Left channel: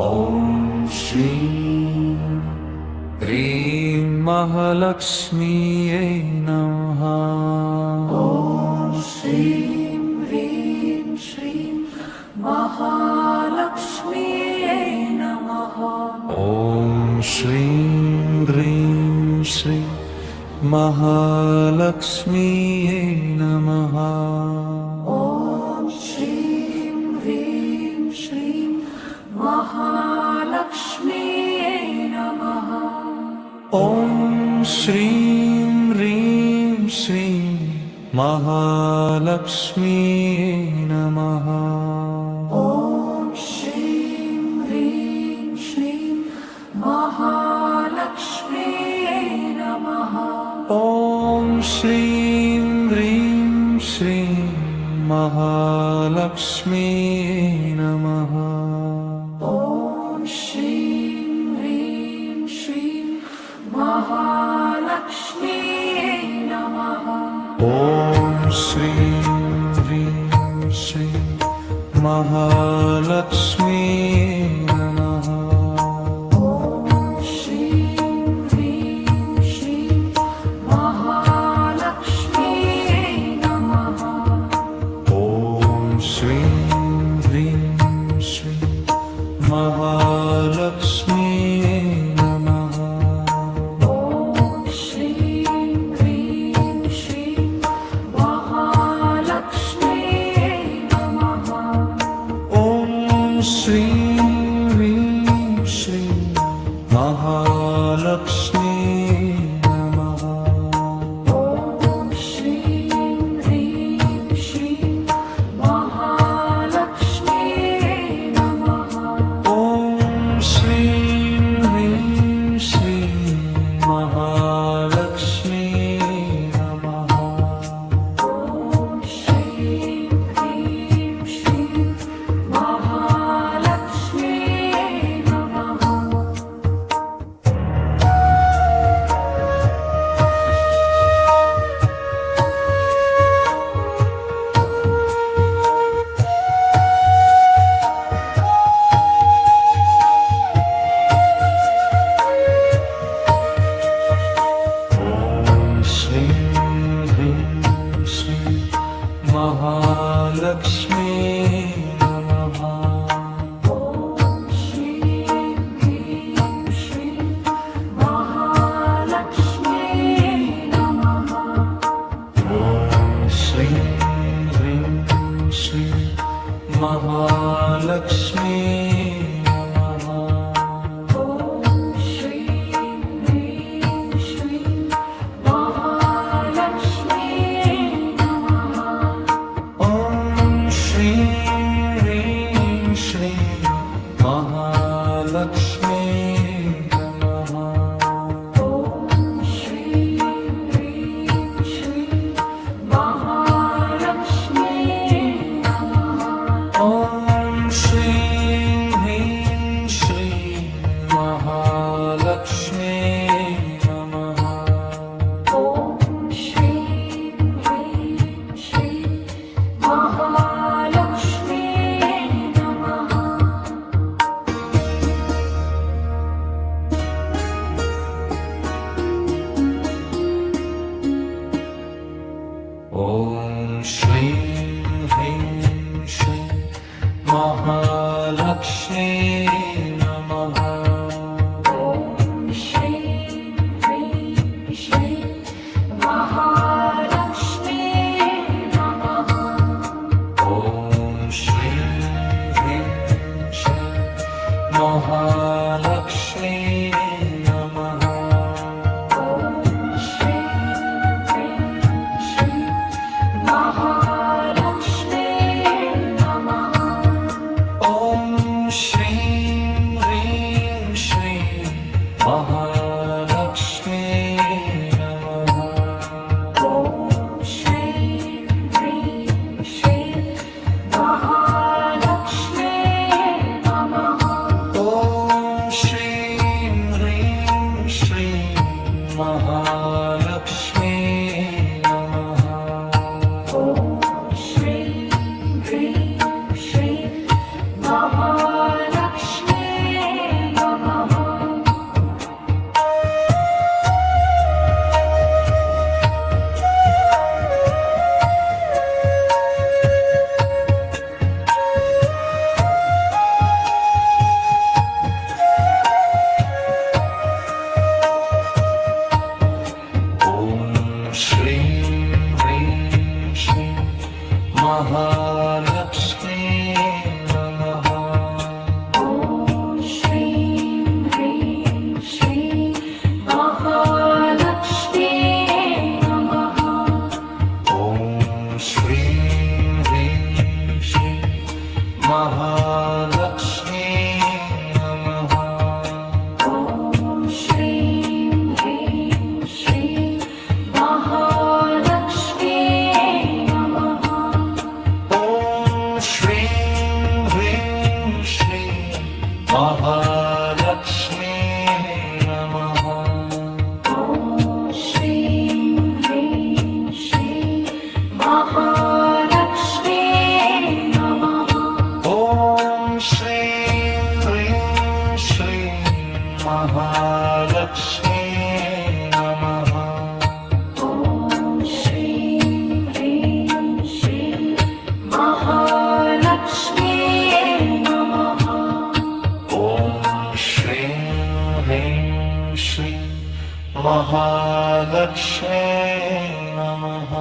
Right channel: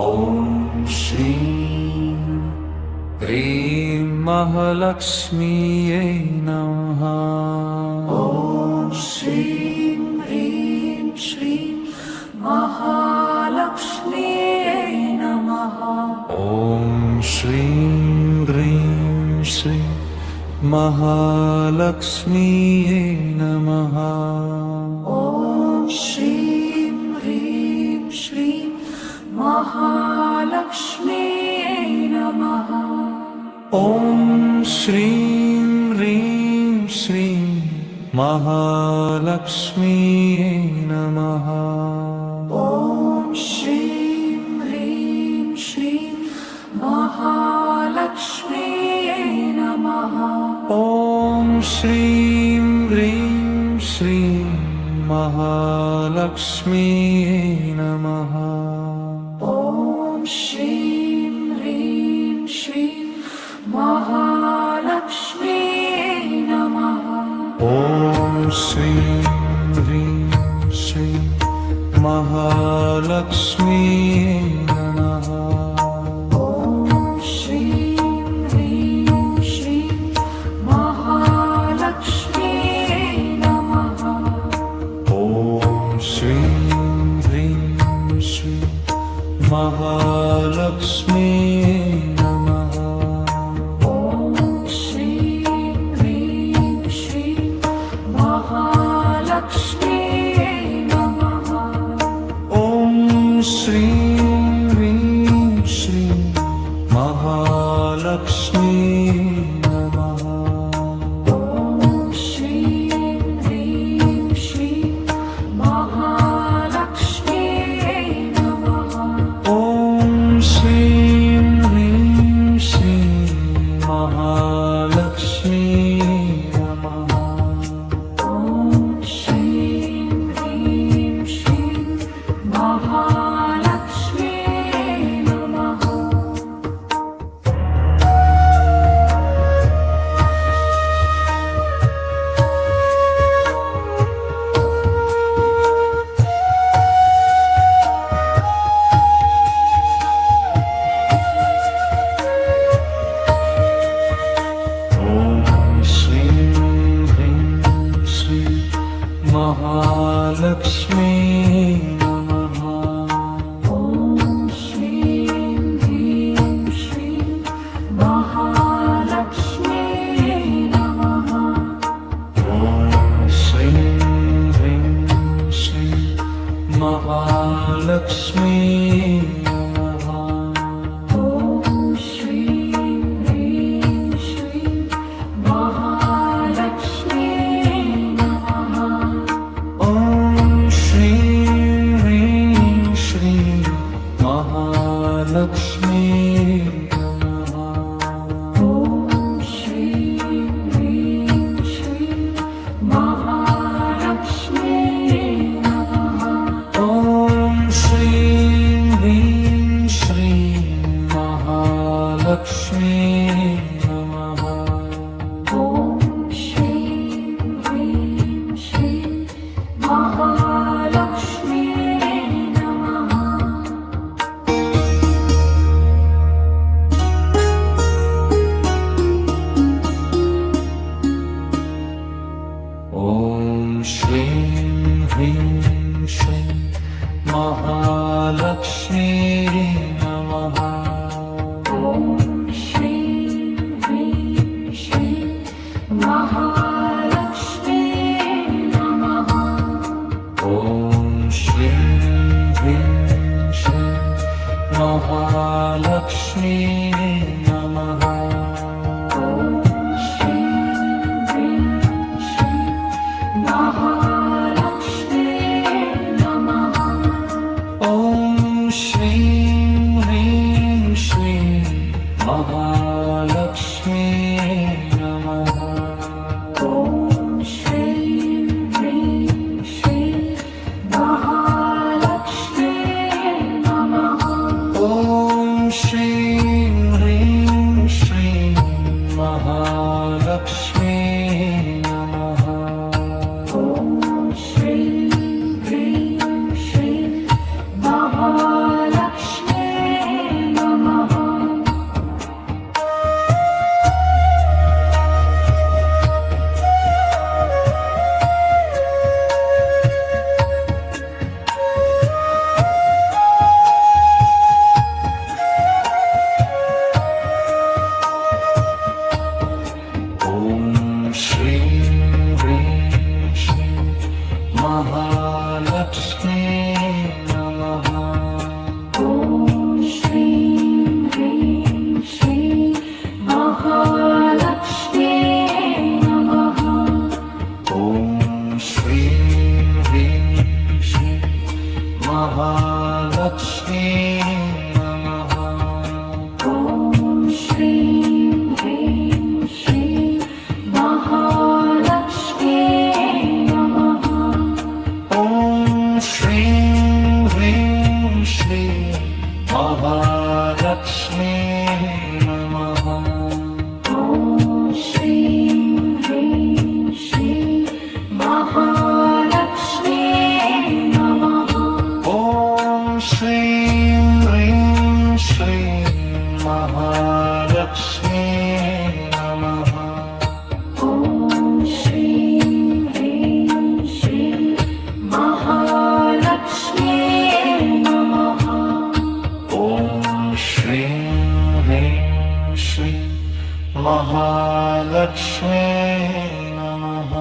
ॐ श्रीं ह्रीं महालक्ष्मीयै नमः। ॐ श्रीं ह्रीं श्रीं महालक्ष्म्यै नमः। ॐ श्रीं ह्रीं श्रीं महालक्ष्मीयै नमः। ॐ श्रीं ह्रीं श्रीं महालक्ष्म्यै नमः। ॐ श्रीं ह्रीं श्रीं महालक्ष्मीयै नमः। ॐ श्रीं ह्रीं श्रीं महालक्ष्म्यै नमः। ॐ श्रीं ह्रीं श्रीं महालक्ष्मीयै नमः। ॐ श्रीं ह्रीं श्रीं महालक्ष्म्यै नमः। ॐ श्रीं ह्रीं श्रीं महालक्ष्मीयै नमः। ॐ श्रीं ह्रीं श्रीं महालक्ष्म्यै नमः। ॐ श्रीं ह्रीं श्रीं महालक्ष्मीयै नमः। ॐ श्रीं ह्रीं श्रीं महालक्ष्म्यै नमः। ॐ श्रीं ह्रीं श्रीं महालक्ष्मीयै नमः। ॐ श्रीं ह्रीं श्रीं महालक्ष्म्यै नमः। ॐ श्रीं ह्रीं श्रीं महालक्ष्मीयै नमः। ॐ श्रीं ह्रीं श्रीं महालक्ष्म्यै नमः। ॐ श्रीं ह्रीं श्रीं महालक्ष्मीयै नमः। ॐ श्रीं ह्रीं श्रीं महालक्ष्म्यै नमः। ॐ श्रीं ह्रीं श्रीं महालक्ष्मीयै नमः। ॐ श्रीं ह्रीं श्रीं महालक्ष्म्यै नमः। ॐ श्रीं ह्रीं श्रीं महालक्ष्मीयै नमः। ॐ श्रीं ह्रीं श्रीं महालक्ष्म्यै नमः। ॐ श्रीं ह्रीं श्रीं महालक्ष्मीयै नमः। ॐ श्रीं ह्रीं श्रीं महालक्ष्म्यै नमः। ॐ श्रीं ह्रीं श्रीं महालक्ष्मीयै नमः। ॐ श्रीं ह्रीं श्रीं महालक्ष्म्यै नमः। ॐ श्रीं ह्रीं श्रीं महालक्ष्मीयै नमः। ॐ श्रीं ह्रीं श्रीं महालक्ष्म्यै नमः। ॐ श्रीं ह्रीं श्रीं महालक्ष्मीयै नमः। ॐ श्रीं ह्रीं श्रीं महालक्ष्म्यै नमः। ॐ श्रीं ह्रीं श्रीं महालक्ष्मीयै नमः। ॐ श्रीं ह्रीं श्रीं महालक्ष्म्यै महालक्ष्मी नमः ॐ श्रीं ह्रीं श्रीं महालक्ष्मी नमः ॐ श्रीं ह्रीं श्रीं महालक्ष्मी नमः ॐ श्रीं ह्रीं श्रीं महालक्ष्मी नमः ॐ श्रीं ह्रीं श्रीं महालक्ष्मी नमः